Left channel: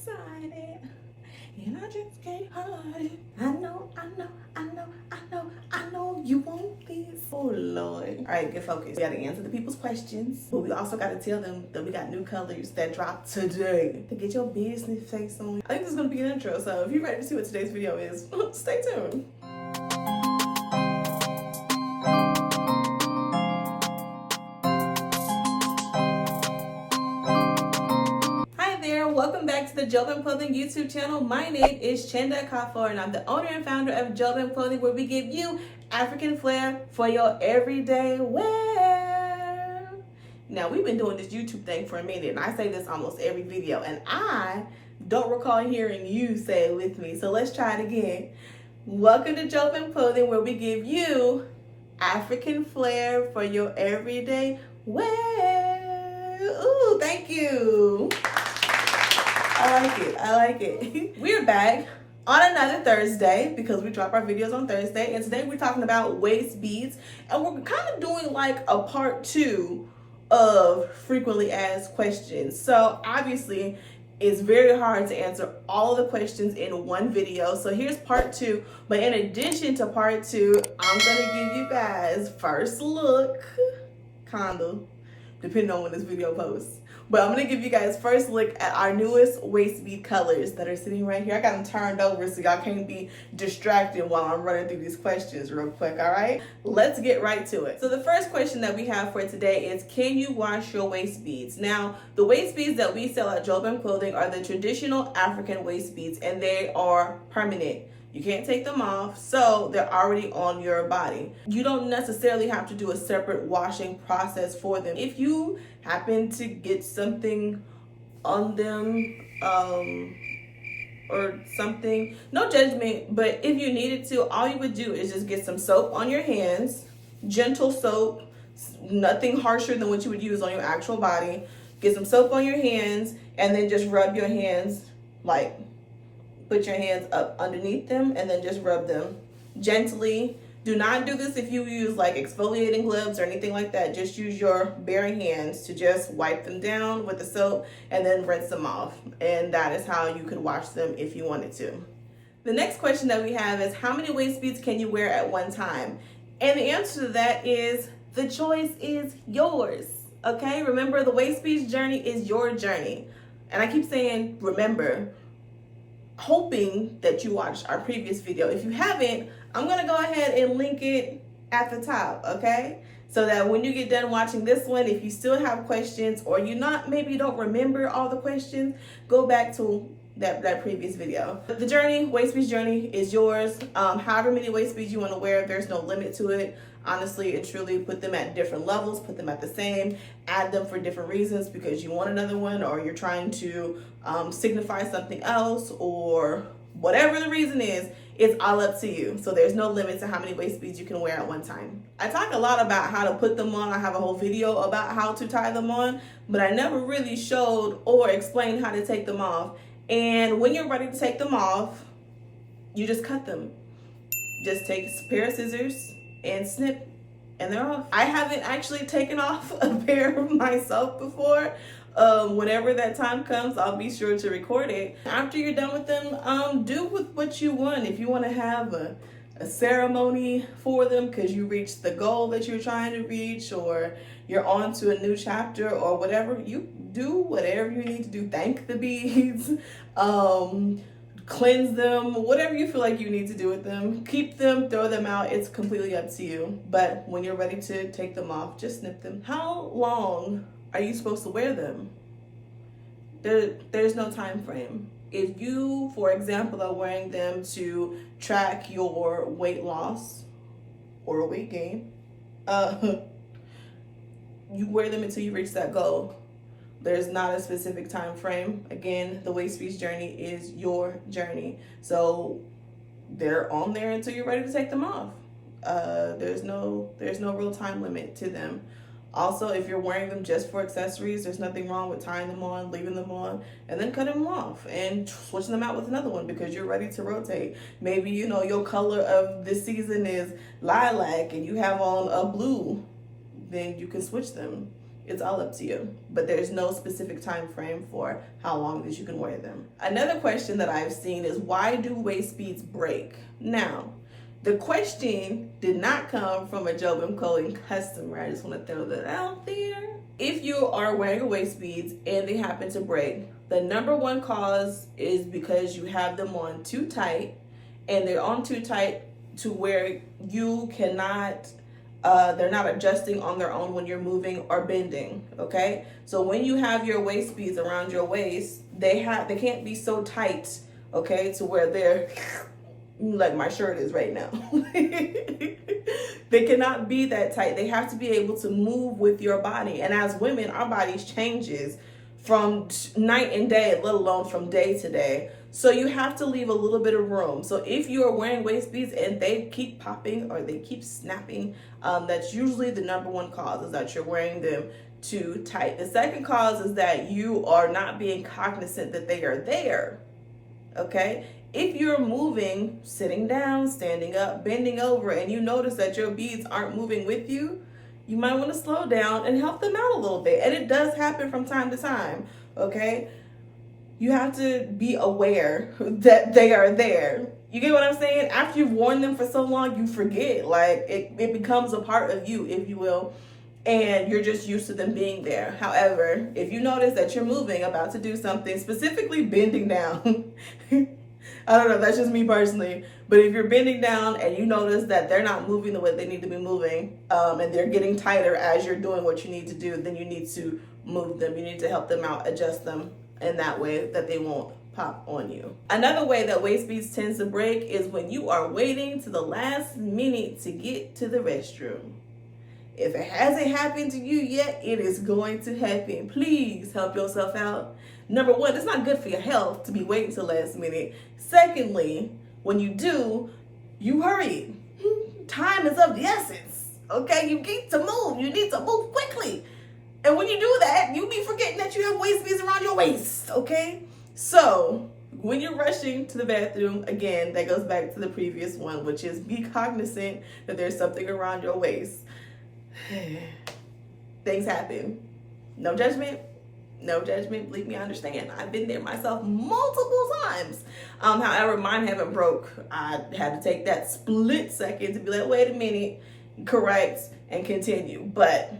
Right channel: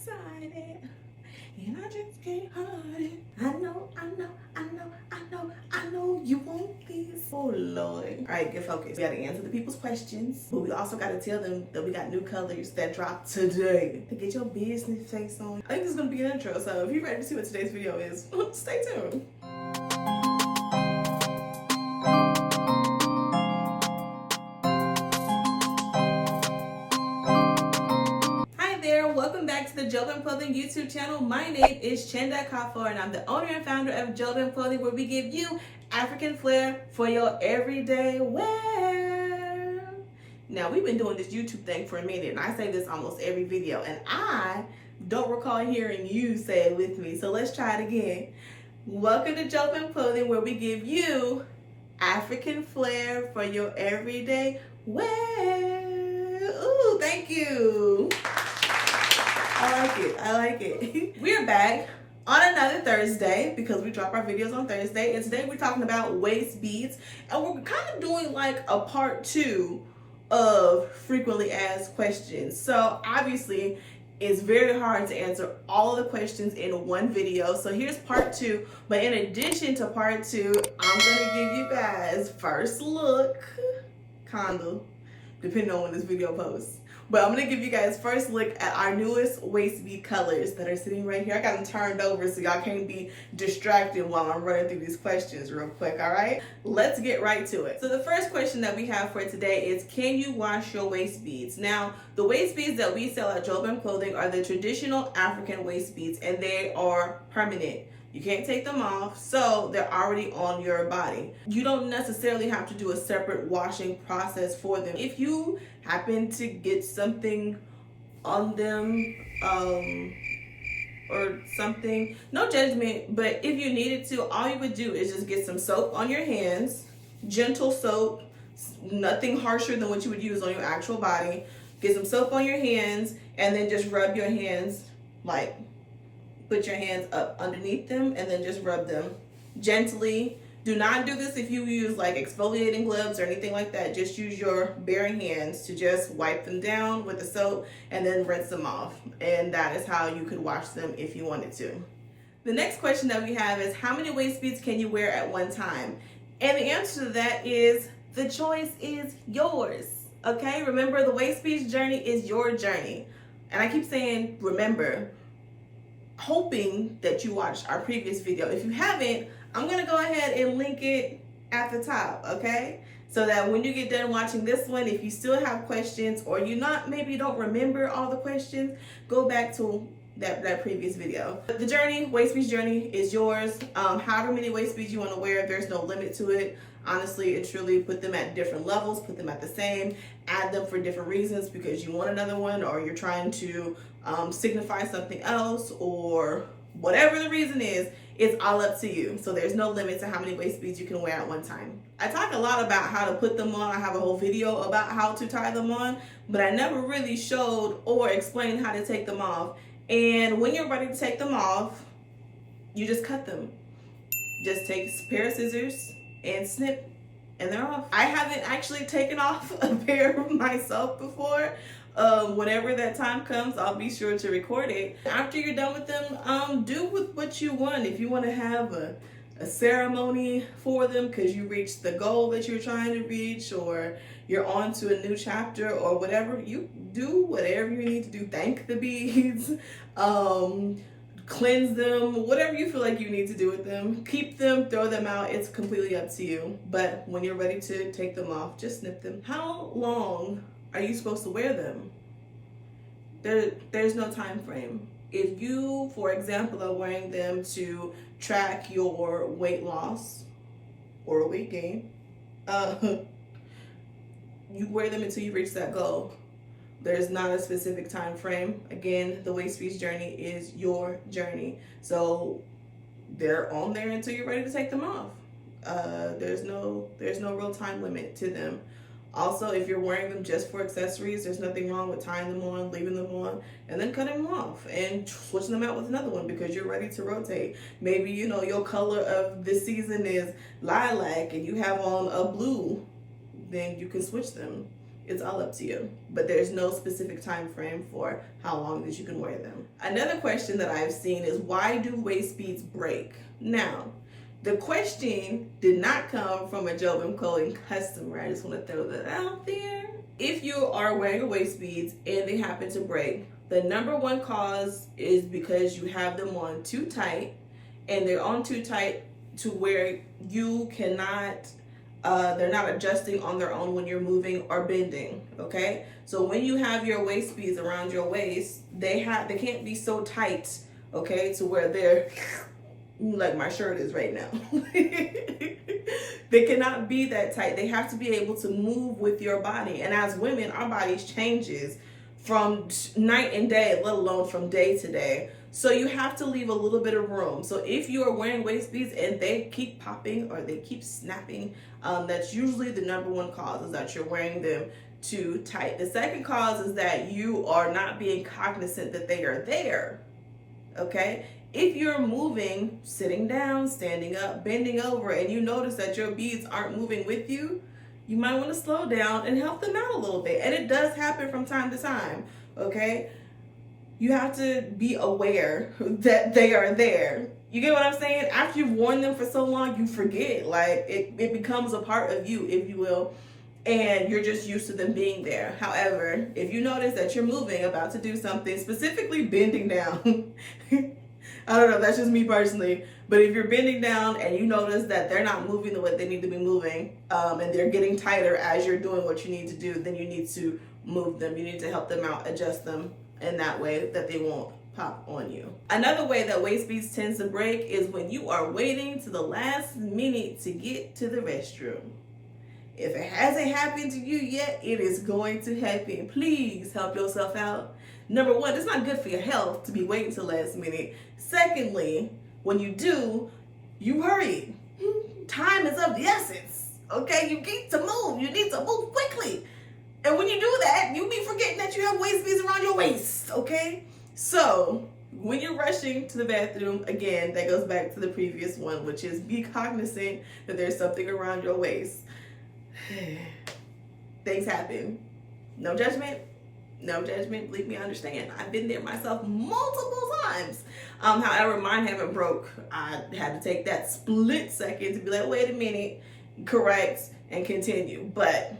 excited. And I just can't hide it. I know you want this. Oh Lord. All right, get focused. We gotta answer the people's questions, but we also gotta tell them that we got new colors that dropped today to get your business face on. I think this is gonna be an intro, so if you're ready to see what today's video is, stay tuned. Welcome back to the Jobim Clothing YouTube channel. My name is Chenda Kafor and I'm the owner and founder of Jobim Clothing, where we give you African flair for your everyday wear. Now, we've been doing this YouTube thing for a minute, and I say this almost every video, and I don't recall hearing you say it with me, so let's try it again. Welcome to Jobim Clothing, where we give you African flair for your everyday wear. Ooh, thank you. I like it. We're back on another Thursday because we drop our videos on Thursday. And today we're talking about waist beads. And we're kind of doing like a part 2 of frequently asked questions. So obviously it's very hard to answer all of the questions in one video. So here's part 2. But in addition to part 2, I'm going to give you guys first look, kinda, depending on when this video posts. But I'm going to give you guys first look at our newest waist bead colors that are sitting right here. I got them turned over so y'all can't be distracted while I'm running through these questions real quick, all right? Let's get right to it. So the first question that we have for today is, can you wash your waist beads? Now, the waist beads that we sell at Jobim Clothing are the traditional African waist beads, and they are permanent. You can't take them off, so they're already on your body. You don't necessarily have to do a separate washing process for them. If you happen to get something on them or something, no judgment, but if you needed to, all you would do is just get some soap on your hands, gentle soap, nothing harsher than what you would use on your actual body. Get some soap on your hands and then just rub your hands, like put your hands up underneath them and then just rub them gently. Do not do this if you use like exfoliating gloves or anything like that. Just use your bare hands to just wipe them down with the soap and then rinse them off. And that is how you could wash them if you wanted to. The next question that we have is, how many waist beads can you wear at one time? And the answer to that is, the choice is yours. Okay, remember, the waist beads journey is your journey. And I keep saying remember, hoping that you watched our previous video. If you haven't, I'm gonna go ahead and link it at the top, okay? So that when you get done watching this one, if you still have questions or maybe you don't remember all the questions, go back to that previous video. The journey, waist beads journey, is yours. However many waist beads you want to wear, there's no limit to it. Honestly and truly, put them at different levels, put them at the same, add them for different reasons, because you want another one or you're trying to signify something else, or whatever the reason is, it's all up to you. So there's no limit to how many waist beads you can wear at one time. I talk a lot about how to put them on. I have a whole video about how to tie them on, but I never really showed or explained how to take them off. And when you're ready to take them off, you just cut them. Just take a pair of scissors and snip, and they're off. I haven't actually taken off a pair myself before. Whenever that time comes, I'll be sure to record it. After you're done with them, do with what you want. If you want to have a ceremony for them because you reached the goal that you're trying to reach, or you're on to a new chapter or whatever, you do whatever you need to do. Thank the beads, cleanse them, whatever you feel like you need to do with them. Keep them, throw them out, it's completely up to you. But when you're ready to take them off, just snip them. How long are you supposed to wear them? There's no time frame. If you, for example, are wearing them to track your weight loss or weight gain, you wear them until you reach that goal. There's not a specific time frame. Again, the waist beads journey is your journey. So they're on there until you're ready to take them off. There's no real time limit to them. Also, if you're wearing them just for accessories, there's nothing wrong with tying them on, leaving them on, and then cutting them off and switching them out with another one because you're ready to rotate. Maybe, your color of this season is lilac and you have on a blue, then you can switch them. It's all up to you, but there's no specific time frame for how long that you can wear them. Another question that I've seen is, why do waist beads break? Now, the question did not come from a Jobim Clothing customer. I just want to throw that out there. If you are wearing a waist beads and they happen to break, the number one cause is because you have them on too tight, and they're on too tight to where you cannot, they're not adjusting on their own when you're moving or bending, okay? So when you have your waist beads around your waist, they can't be so tight, okay, to where they're like my shirt is right now. They cannot be that tight. They have to be able to move with your body. And as women, our bodies changes from night and day, let alone from day to day. So you have to leave a little bit of room. So if you are wearing waist beads and they keep popping or they keep snapping, that's usually the number one cause, is that you're wearing them too tight. The second cause is that you are not being cognizant that they are there, okay? If you're moving, sitting down, standing up, bending over, and you notice that your beads aren't moving with you, you might want to slow down and help them out a little bit. And it does happen from time to time, okay? You have to be aware that they are there. You get what I'm saying? After you've worn them for so long, you forget. Like, it becomes a part of you, if you will, and you're just used to them being there. However, if you notice that you're moving, about to do something, specifically bending down, I don't know, that's just me personally, but if you're bending down and you notice that they're not moving the way they need to be moving, and they're getting tighter as you're doing what you need to do, then you need to move them. You need to help them out, adjust them in that way that they won't pop on you. Another way that waist beads tends to break is when you are waiting to the last minute to get to the restroom. If it hasn't happened to you yet, it is going to happen. Please help yourself out. Number one, it's not good for your health to be waiting till last minute. Secondly, when you do, you hurry. Time is of the essence, okay? You need to move. You need to move quickly. And when you do that, you be forgetting that you have waist beads around your waist, okay? So when you're rushing to the bathroom, again, that goes back to the previous one, which is be cognizant that there's something around your waist. Things happen. No judgment. No judgment. Believe me, I understand. I've been there myself multiple times. However, mine haven't broke. I had to take that split second to be like, wait a minute, correct, and continue. But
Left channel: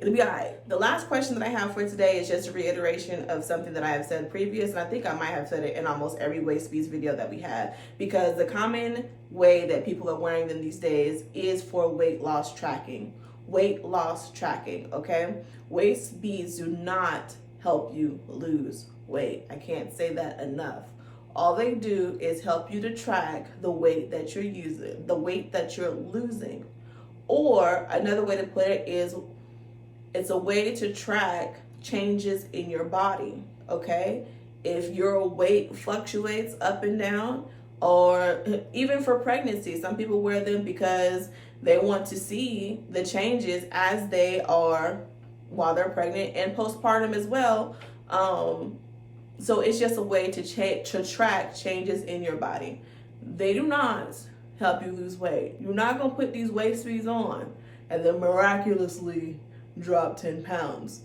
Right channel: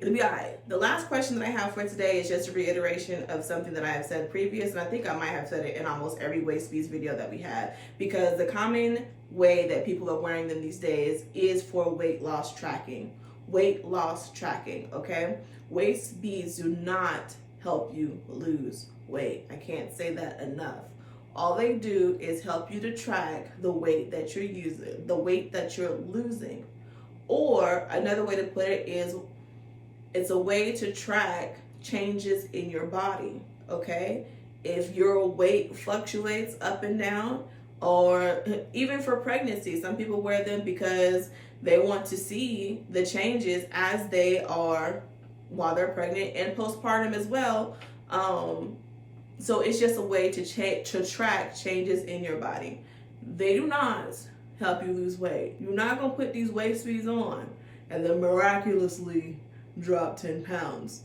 it'll be all right. The last question that I have for today is just a reiteration of something that I have said previous, and I think I might have said it in almost every waist beads video that we have, because the common way that people are wearing them these days is for weight loss tracking. Weight loss tracking, okay? Waist beads do not help you lose weight. I can't say that enough. All they do is help you to track the weight that you're using, the weight that you're losing. Or another way to put it is, it's a way to track changes in your body, okay? If your weight fluctuates up and down, or even for pregnancy, some people wear them because they want to see the changes as they are while they're pregnant and postpartum as well. So it's just a way to track changes in your body. They do not help you lose weight. You're not going to put these waist beads on and then miraculously drop 10 pounds.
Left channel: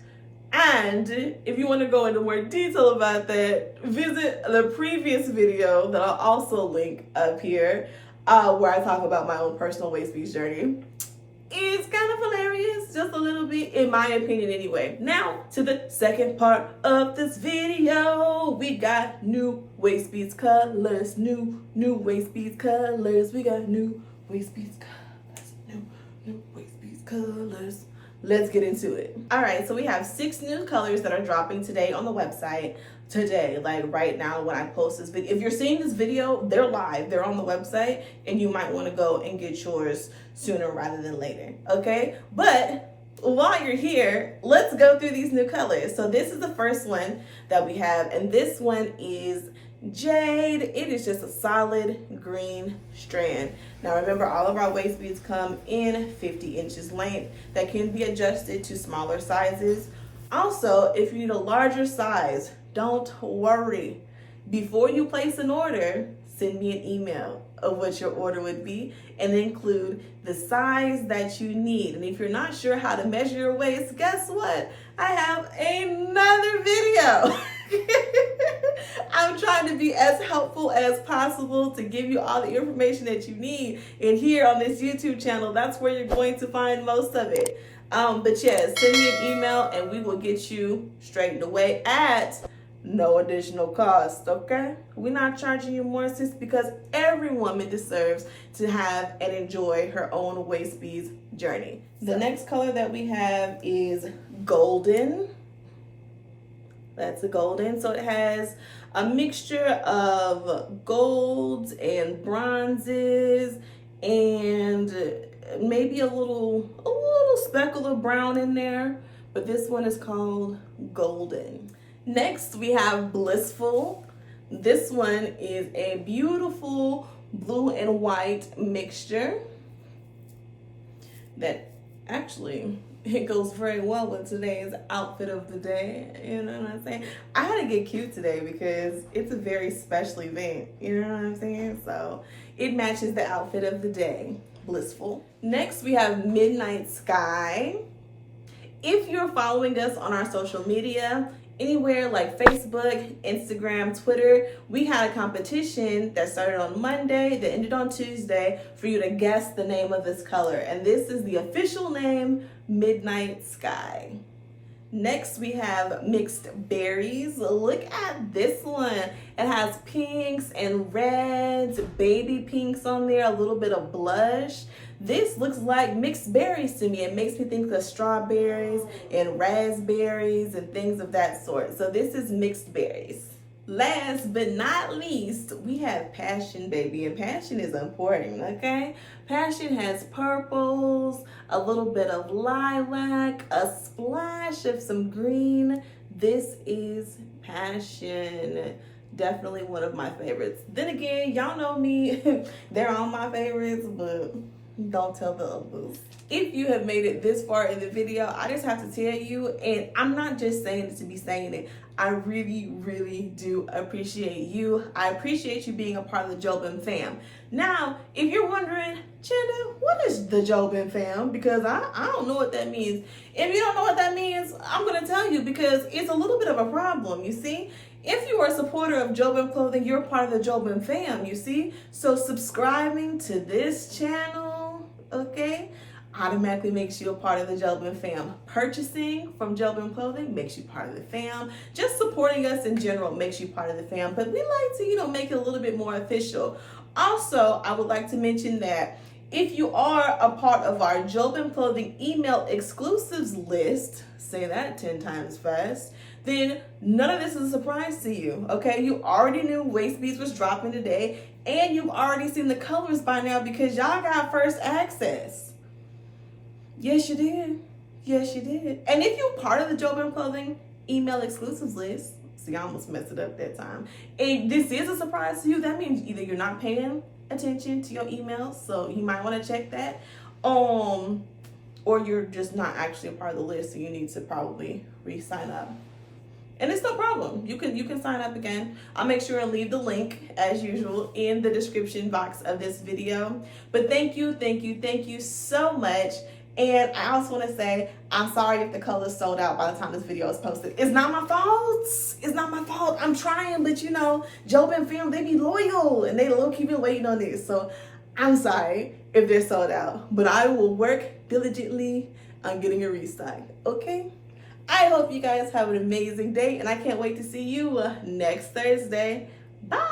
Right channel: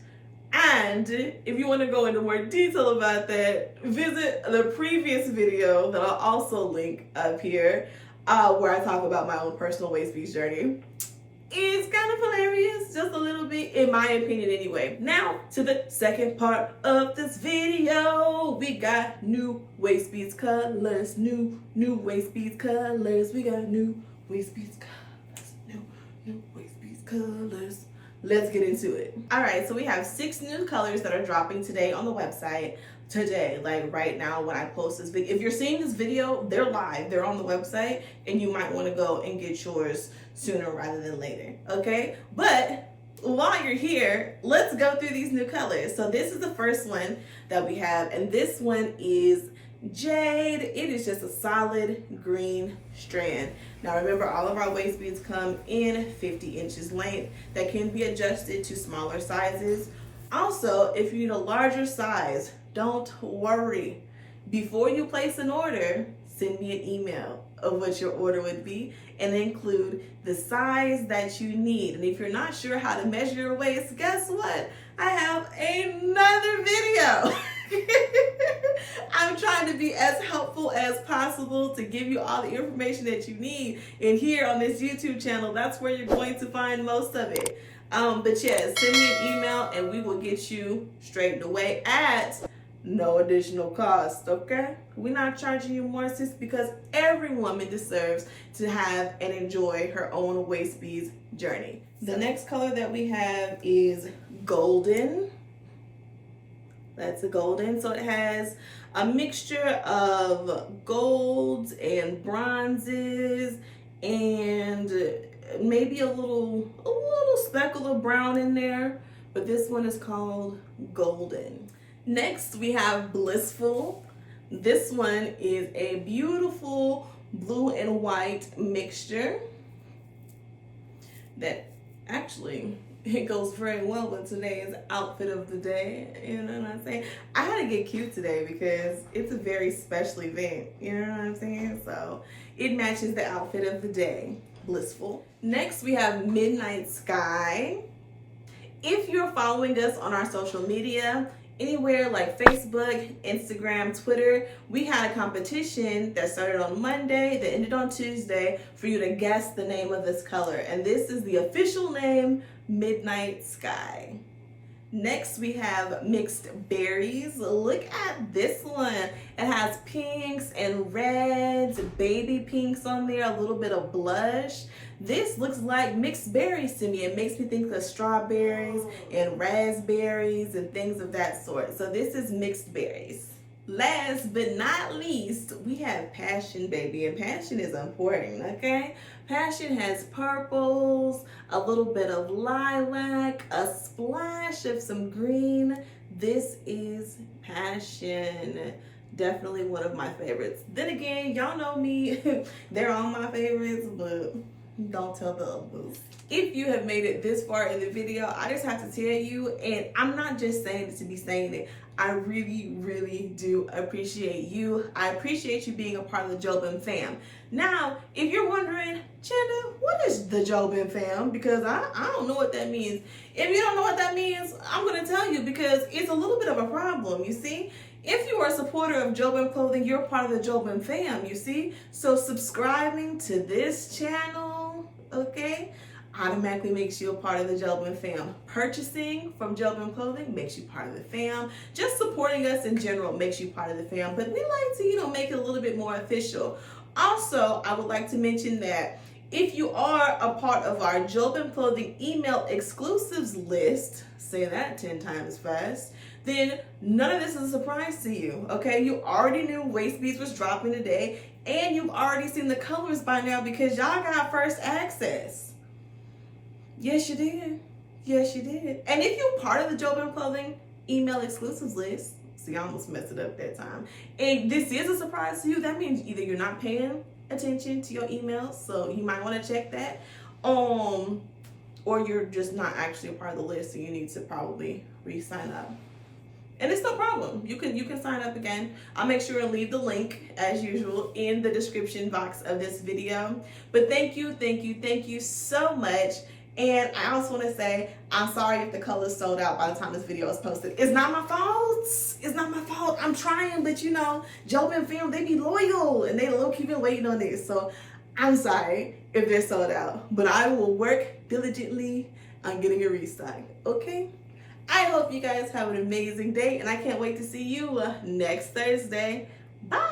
And if you want to go into more detail about that, visit the previous video that I'll also link up here, where I talk about my own personal waist beads journey. It's kind of hilarious, just a little bit, in my opinion anyway. Now, to the second part of this video. We got new waist beads colors, new waist beads colors. We got new waist beads colors, new waist beads colors. Let's get into it. All right, so we have 6 new colors that are dropping today on the website. Today, like right now when I post this video. If you're seeing this video, they're live, they're on the website, and you might want to go and get yours sooner rather than later, okay? But while you're here, let's go through these new colors. So this is the first one that we have, and this one is Jade. It is just a solid green strand. Now remember, all of our waist beads come in 50 inches length that can be adjusted to smaller sizes. Also, if you need a larger size, don't worry. Before you place an order, send me an email of what your order would be and include the size that you need. And if you're not sure how to measure your waist, guess what? I have another video. I'm trying to be as helpful as possible to give you all the information that you need. And here on this YouTube channel, that's where you're going to find most of it. But yes, send me an email and we will get you straightened away at no additional cost, okay? We're not charging you more, sis, because every woman deserves to have and enjoy her own waist beads journey. The next color that we have is golden. That's a golden. So it has a mixture of golds and bronzes and maybe a little speckle of brown in there, but this one is called golden. Next, we have blissful. This one is a beautiful blue and white mixture that actually, it goes very well with today's outfit of the day. You know what I'm saying? I had to get cute today because it's a very special event. You know what I'm saying? So it matches the outfit of the day. Blissful. Next, we have Midnight Sky. If you're following us on our social media, anywhere like Facebook, Instagram, Twitter, we had a competition that started on Monday, that ended on Tuesday, for you to guess the name of this color. And this is the official name, Midnight Sky. Next, we have mixed berries. Look at this one. It has pinks and reds, baby pinks on there, a little bit of blush. This looks like mixed berries to me. It makes me think of strawberries and raspberries and things of that sort. So this is mixed berries. Last but not least, we have passion, baby. And passion is important, okay? Passion has purples, a little bit of lilac, a splash of some green. This is passion. Definitely one of my favorites. Then again, y'all know me. They're all my favorites, but don't tell the others. If you have made it this far in the video, I just have to tell you, and I'm not just saying it to be saying it, I really, really do appreciate you. I appreciate you being a part of the Jobim fam. Now, if you're wondering, Chanda, what is the Jobim fam? Because I don't know what that means. If you don't know what that means, I'm going to tell you because it's a little bit of a problem, you see? If you are a supporter of Jobim Clothing, you're part of the Jobim fam, you see? So subscribing to this channel, okay, automatically makes you a part of the Jobim fam. Purchasing from Jobim Clothing makes you part of the fam. Just supporting us in general makes you part of the fam. But we like to, make it a little bit more official. Also, I would like to mention that if you are a part of our Jobim Clothing email exclusives list, say that 10 times fast, then none of this is a surprise to you, okay? You already knew waist beads was dropping today, and you've already seen the colors by now because y'all got first access. Yes, you did. Yes, you did. And if you're part of the Jobim Clothing email exclusives list, see, I almost messed it up that time, and this is a surprise to you, that means either you're not paying attention to your emails, so you might want to check that, or you're just not actually a part of the list, and you need to probably re-sign up. And it's no problem. You can sign up again. I'll make sure and leave the link, as usual, in the description box of this video. But thank you so much. And I also want to say, I'm sorry if the color's sold out by the time this video is posted. It's not my fault. It's not my fault. I'm trying, but Jobim fam, they be loyal and they low-key been waiting on this. So I'm sorry if they're sold out, but I will work diligently on getting a restock, okay? I hope you guys have an amazing day, and I can't wait to see you next Thursday. Bye!